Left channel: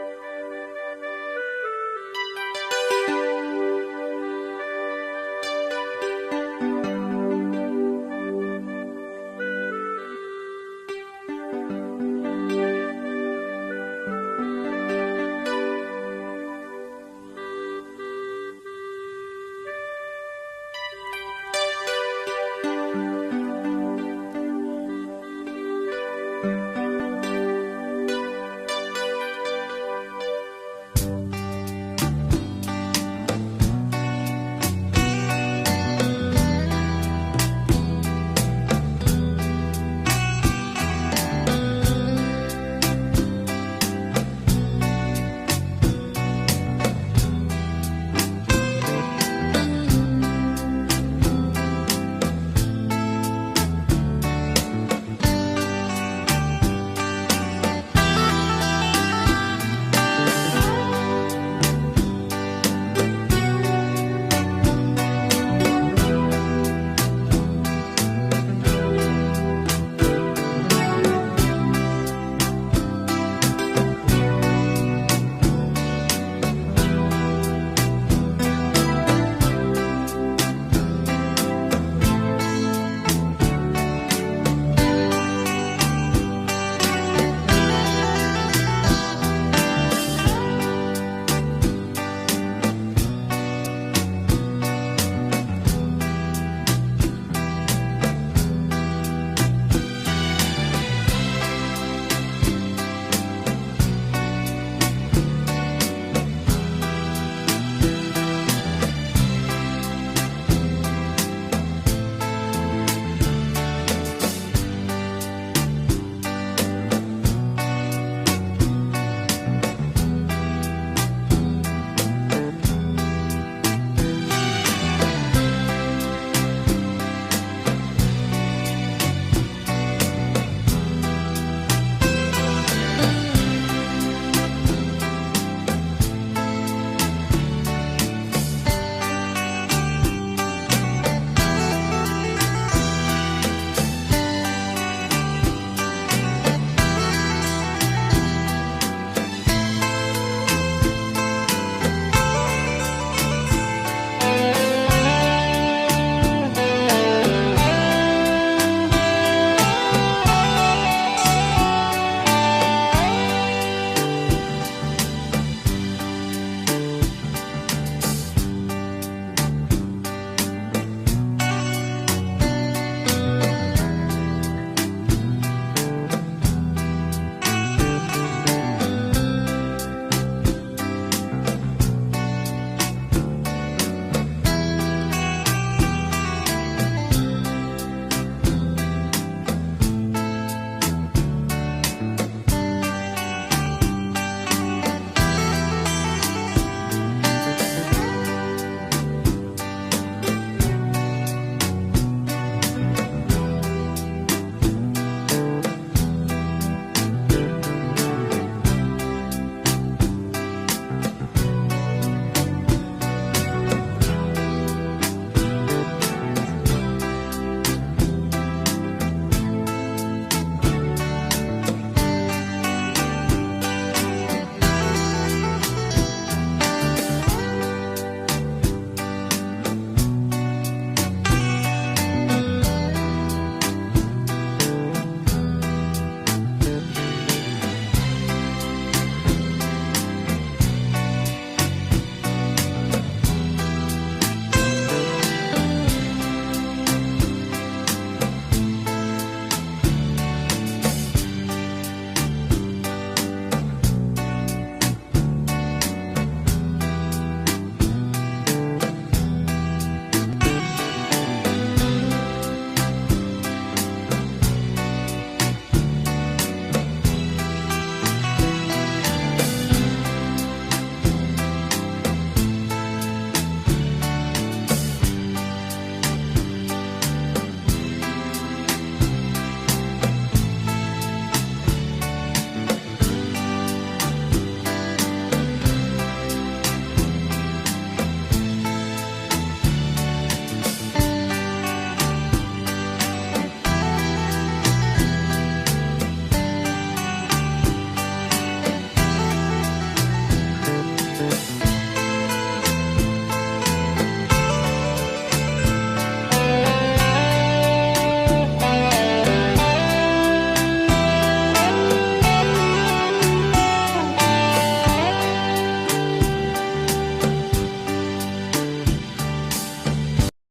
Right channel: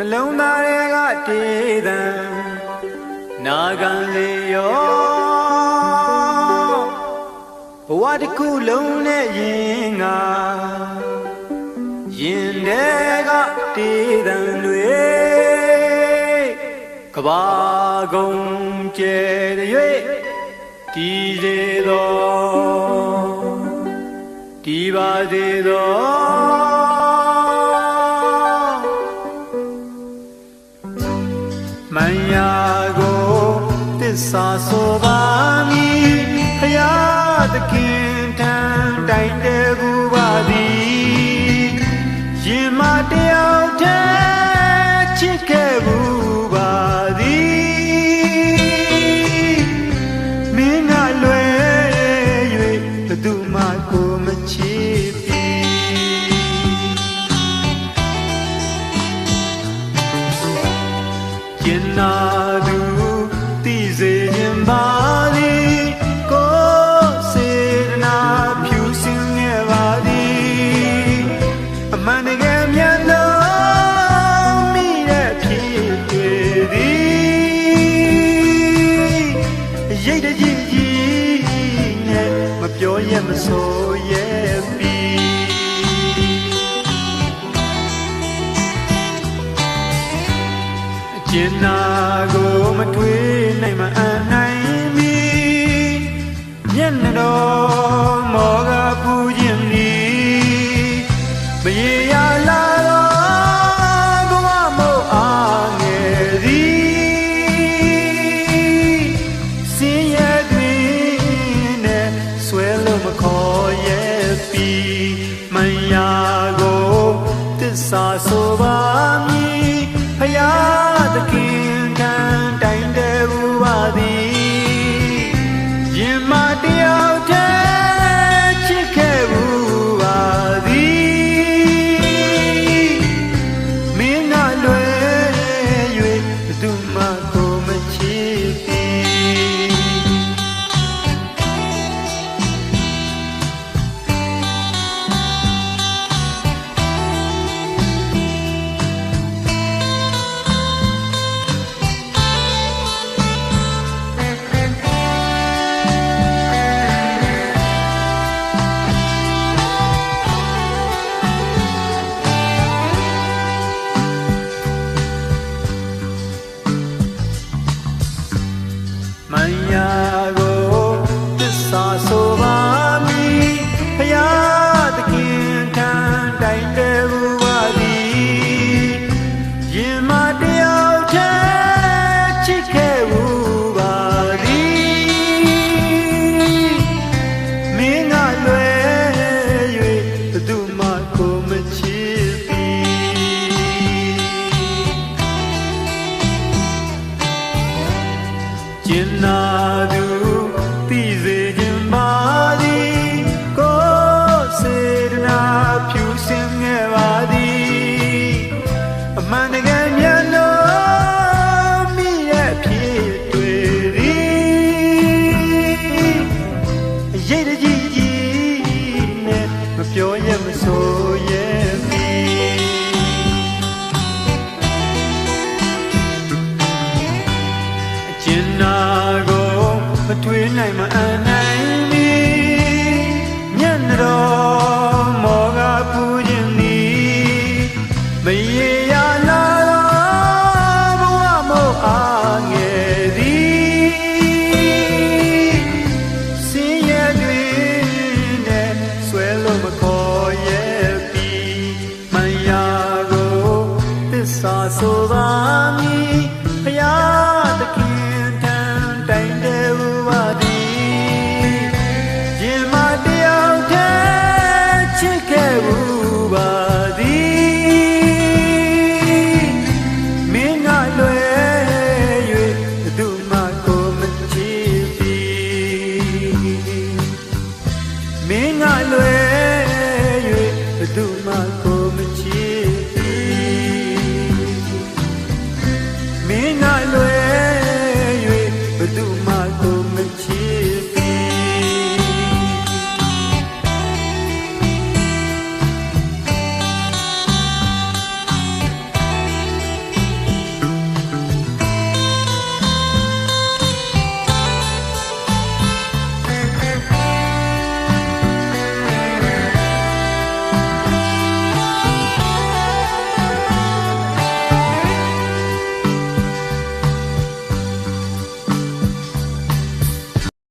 နှလုံးသားတွေကတေးသံနာခံလေရောဘဝတစ်ခုလုံးနဲ့ရင်ငါရင်တွေကတေးသံတွေကဘာကုန်ကျဲတဲ့ဒီစေသောဒီပါစေသောမန်ယာကိုသစ္စာဆိုပါမည်ဖယားသခင်တန်တိုင်တဲ့ဘူးပါသည်ရင်မတယောက်တည်းချစ်ခဲ့ဘူးပါသည်မင်းကလွယ်၍ဘယ်သူမှကိုမချစ်ရင်နာသူသိစေခြင်းပါသည်ကိုစေနာဖြူစင်ခဲ့ပါသည်အမှန်တကယ်မြတ်လို့မိတဲ့ဖြစ်တွေသည်ရိတ်တကြီးကြီးနဲ့မပြောရမဆိုရဲ့ပြီးကျင်နာကိုမထွေးနိုင်မအန်နိုင်မီမျက်နှာတော်မောကပူခြင်းသည်မရေရလာတော့ကိုမမို့အားငယ်သည်စင်ရဲ့တွင်နဲ့ဆွဲလို့မခေါ်ရဲ့ပြီးမန်ယာကိုသစ္စာဆိုပါမည်ဖယားသခင်တန်တိုင်တဲ့ဘူးပါသည်ရင်မတယောက်တည်းချစ်ခဲ့ဘူးပါသည်မင်းကလွယ်၍ဘယ်သူမှကိုမချစ်သည်မန်ယာကိုသစ္စာဆိုပါမည်ဖယားသခင်တန်တိုင်တဲ့ဘူးပါသည်ရင်မတယောက်တည်းချစ်ခဲ့ဘူးပါသည်မင်းကလွယ်၍ဘယ်သူမှကိုမချစ်သည်ကျင်နာသူသိစေခြင်းပါသည်ကိုစေတနာဖြူစင်ခဲ့ပါသည်အမှန်တကယ်မြတ်လို့မိရဲ့ဖြစ်တွေသည်ရိတ်တကြီးကြီးနဲ့မပြောရ